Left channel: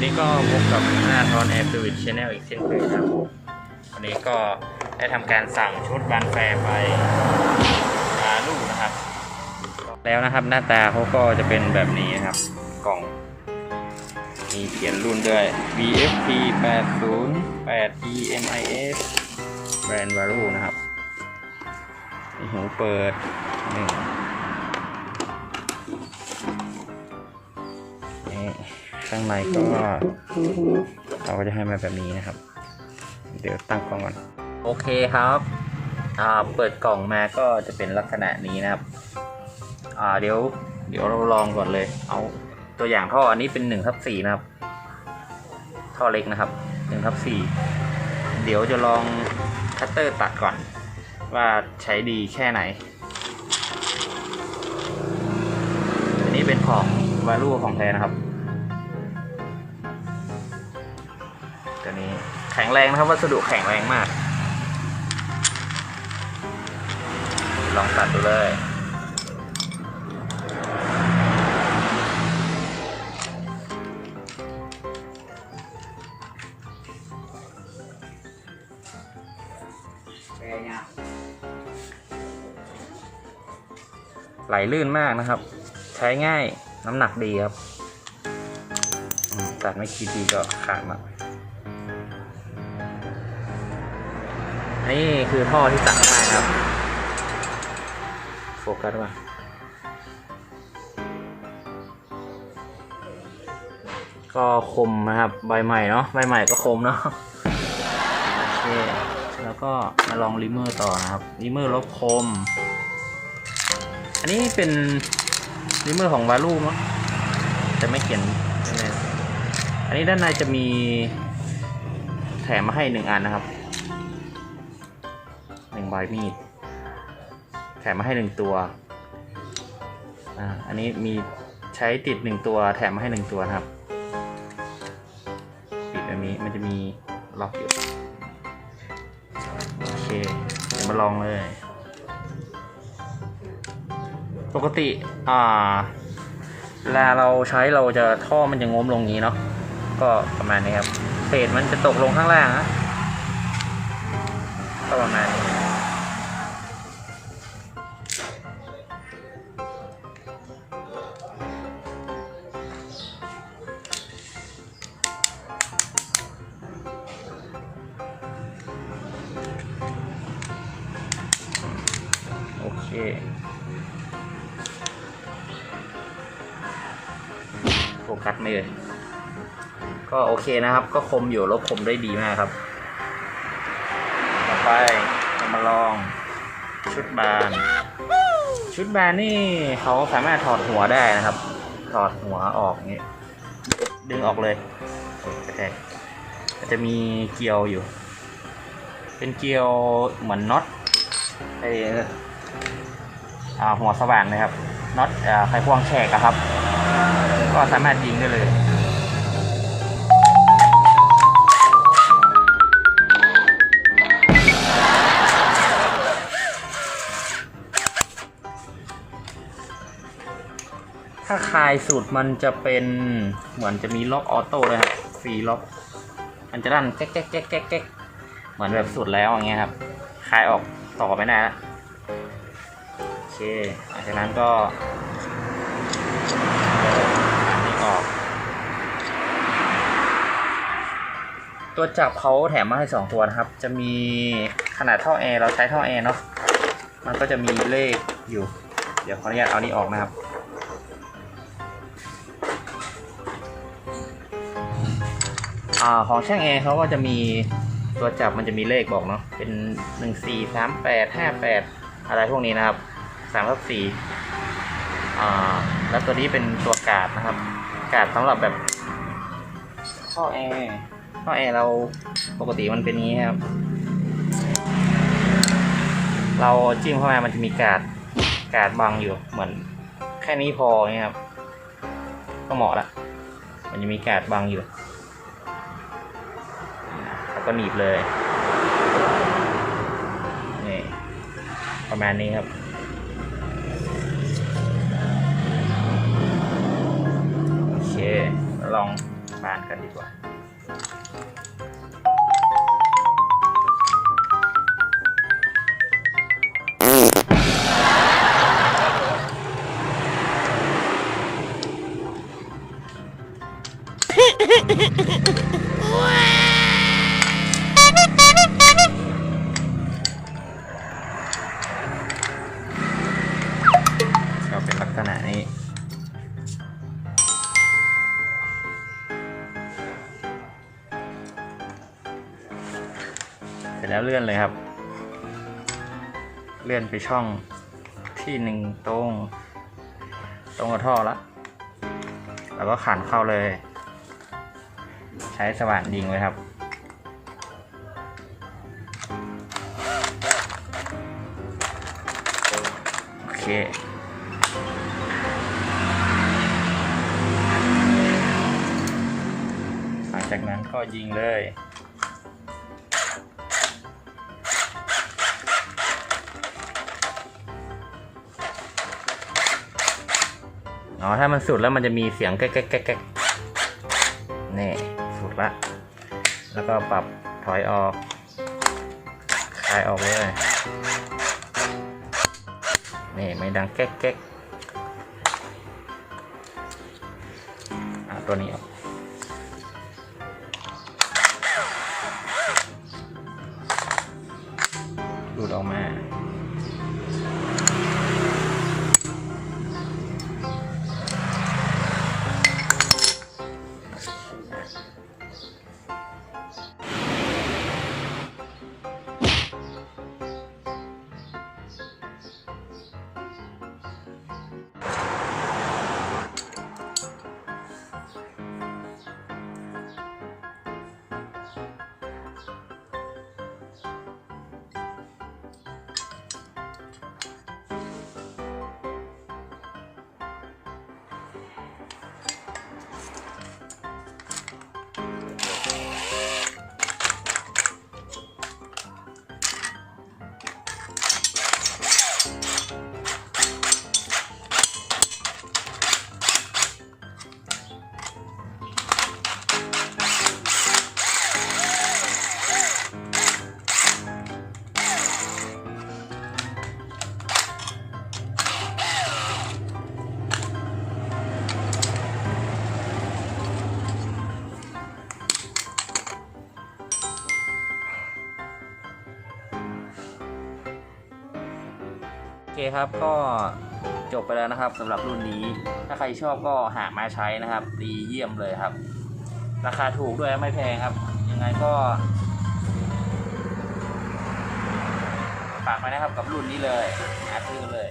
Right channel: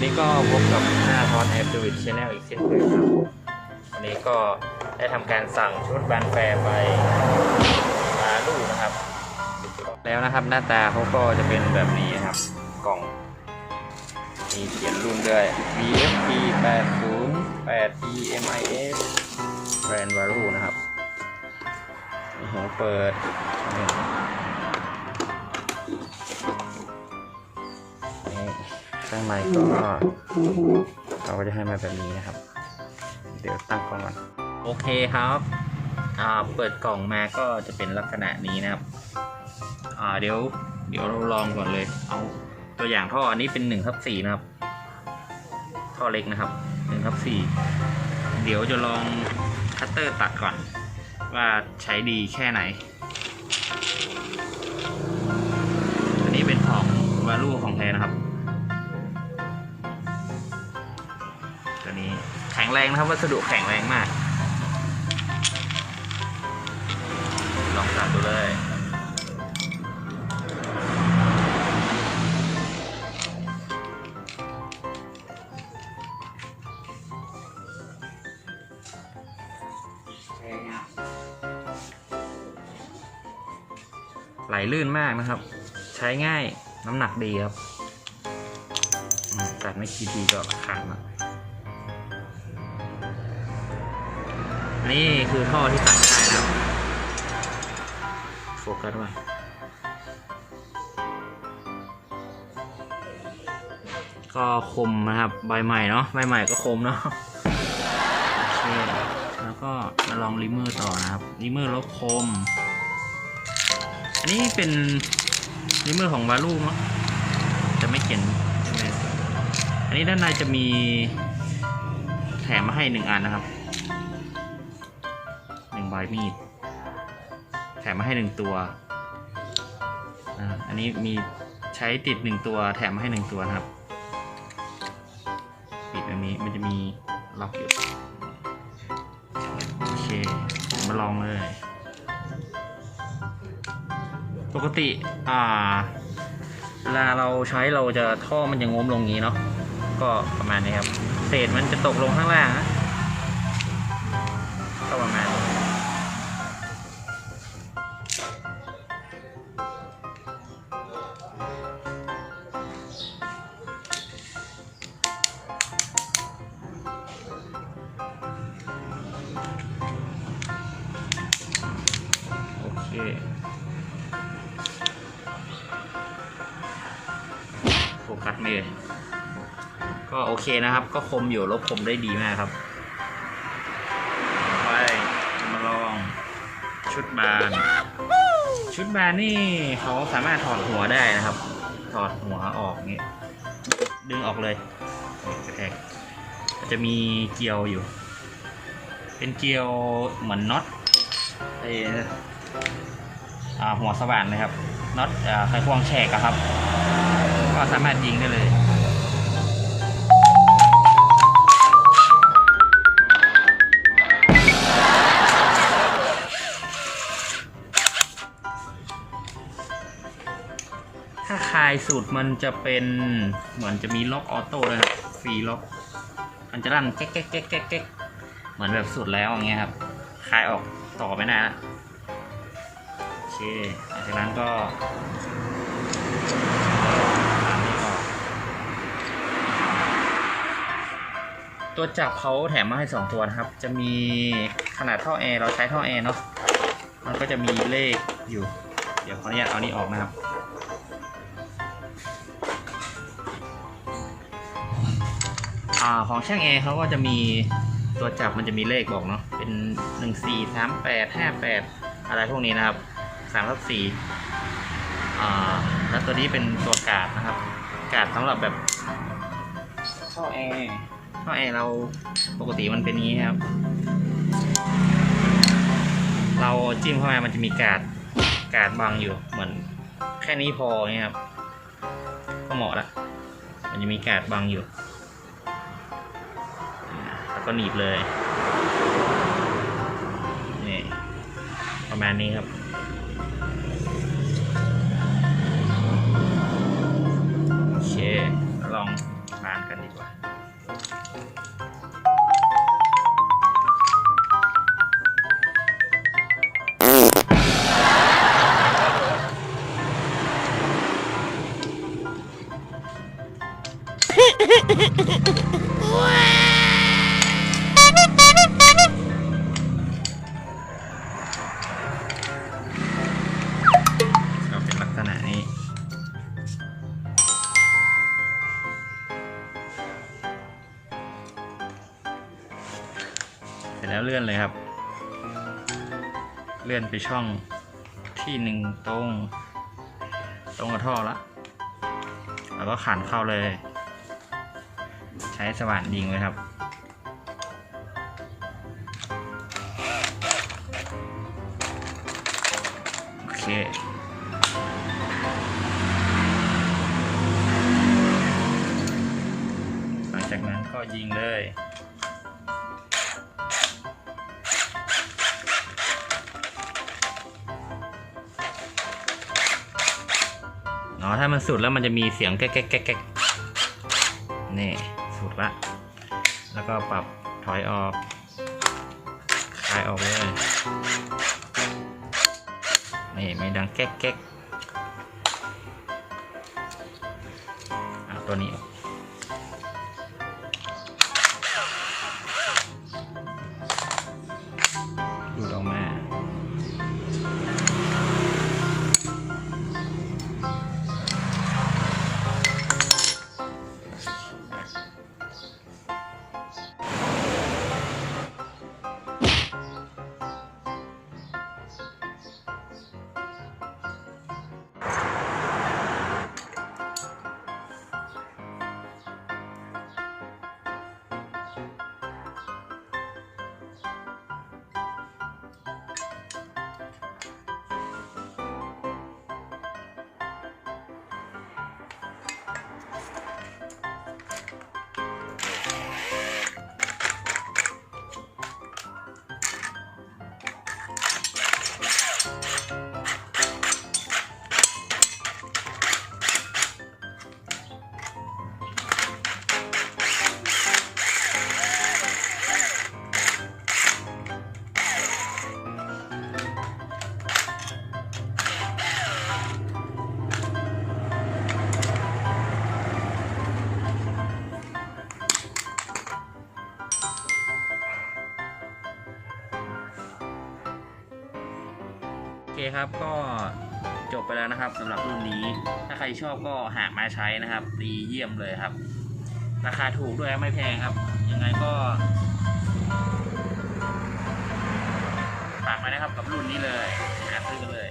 วันนี้ก็พบกับหน้าทอนแอปดูวิดชแนลอีกเช่นเคยครับ วันนี้ก็ได้ทำการสั่งชุดแบรนแฟร์ไปลาลูกนะครับ แล้วนะครับหน้าตาเขาก็จะเป็นแบบนี้นะครับ กล่อง มีเขียนรุ่นด้วย VFP 80 8 EMIS แบรนด์วาลูนะครับมีหูเปิดนี่นี่ ข้างในก็เราก็จะให้มาแบบนี้นะครับ เดี๋ยวตั้งกล้องก่อน โอเคครับอ่าเปิดกล่องมาก็จะเป็นลักษณะนี้นะครับอ่าเดี๋ยวเดี๋ยวเราลองก่อนเลย เอาตัวอย่างท่ออันนี้เป็น1ทับ4นะครับ ท่อเล็กนะครับ1ทับ4เดี๋ยวจะลองคัตเตอร์ตัดก่อน ว่าใช้ดีแค่ไหน อันนี้เป็นของวาลูของแท้นะครับ ข็งแรงนะครับวัสดุแข็งแรงมาก ลองตัดดูเลยไหลลื่นมากนะครับ ใช้ง่ายน้ำหนักดีครับ ตัดไม่คีทีก็ขาดมา นี่คือท่อที่ตัดได้ครับโฟกัสมาก็คมนะครับใบใหม่เนาะใบใหม่ก็คมเนาะโอเคแล้วก็มาลองริมเมอร์ต่อนะครับริมเมอร์ลบคม อันนี้เป็นริมเมอร์ของวาลูมั้งแต่ไม่เขียนใช่อันนี้ด้านในจะมีแถมมาให้หนึ่งอันนะครับ นึ่งใบมีด แถมมาให้หนึ่งตัวอ่าอันนี้มีใช้ติดหนึ่งตัว แถมมาให้หนึ่งตัวนะครับ ปิดอันนี้มันจะมีล็อกอยู่โอเคเดี๋ยวมาลองเลย ปกติอ่าเวลาเราใช้เราจะท่อมันจะงมลงงี้เนาะก็ประมาณนี้ครับ เศษมันจะตกลงข้างล่างนะก็ประมาณนี้ โอเคโฟกัสไม่เลยก็โอเคนะครับ ก็คมอยู่ลบคมได้ดีมากครับต่อไปมาลองชุดบาน ชุดบานนี่เขาสามารถถอดหัวได้นะครับ ถอดหัวออกอย่างเงี้ยดึงออกเลยกระแทกจะมีเกลียวอยู่ เป็นเกลียวเหมือนน็อตไอ หัวสว่านนะครับน็อตไขควงแฉกครับ ก็สามารถยิงได้เลยถ้าคลายสูตรมันจะเป็นเหมือนจะมีล็อกออโต้เลยครับฟรีล็อก มันจะดันแก๊กแก๊กแก๊กแก๊กแก๊กเหมือนแบบสูตรแล้วอย่างเงี้ยครับคลายออกต่อไม่ได้แล้ว เคหลังจากนั้นก็นี่ออก ตัวจับเขาแถมมาให้สองตัวนะครับ จะมีขนาดท่อแอร์เราใช้ท่อแอร์เนาะ มันก็จะมีเลขอยู่ เดี๋ยวขออนุญาตเอานี่ออกนะครับอของช่างแอร์เขาก็จะมีตัวจับมันจะมีเลขบอกเนาะเป็นหนึ่งสี่สามแปดห้าแปดอะไรพวกนี้นะครับ สามลบสี่แล้วตัวนี้เป็นตัวกาดนะครับ กาดสำหรับแบบท่อแอร์ท่อแอร์เราปกติมันเป็นนี้ครับ เราจิ้มเข้ามามันจะมีกาดกาดบังอยู่เหมือนแค่นี้พอเงี้ยครับ ก็เหมาะละมันจะมีกาดบังอยู่แล้วก็หนีบเลยนี่ประมาณนี้ครับ กันดีกว่า นกันดีกว่อนเลยครับ เลื่อนไปช่องที่หนึ่งตรง ตรงกับท่อแล้วแล้วก็ขันเข้าเลย ใช้สว่านยิงเลยครับโอเคหลังจากนั้นก็ยิงเลย ถ้ามันสุดแล้วมันจะมีเสียงแก๊กแก๊กแก๊กแก๊กนี่สุดละ แล้วก็ปรับถอยออกคลายออกเลย นี่ไม่ดังแก๊กแก๊กเอาตัวนี้ออก Yes. โอเคครับก็จบไปแล้วนะครับสำหรับรุ่นนี้ ถ้าใครชอบก็หามาใช้นะครับ ดีเยี่ยมเลยครับ ราคาถูกด้วยไม่แพงครับ ยังไงก็ฝากมานะครับกับรุ่นนี้เลยหาซื้อเลย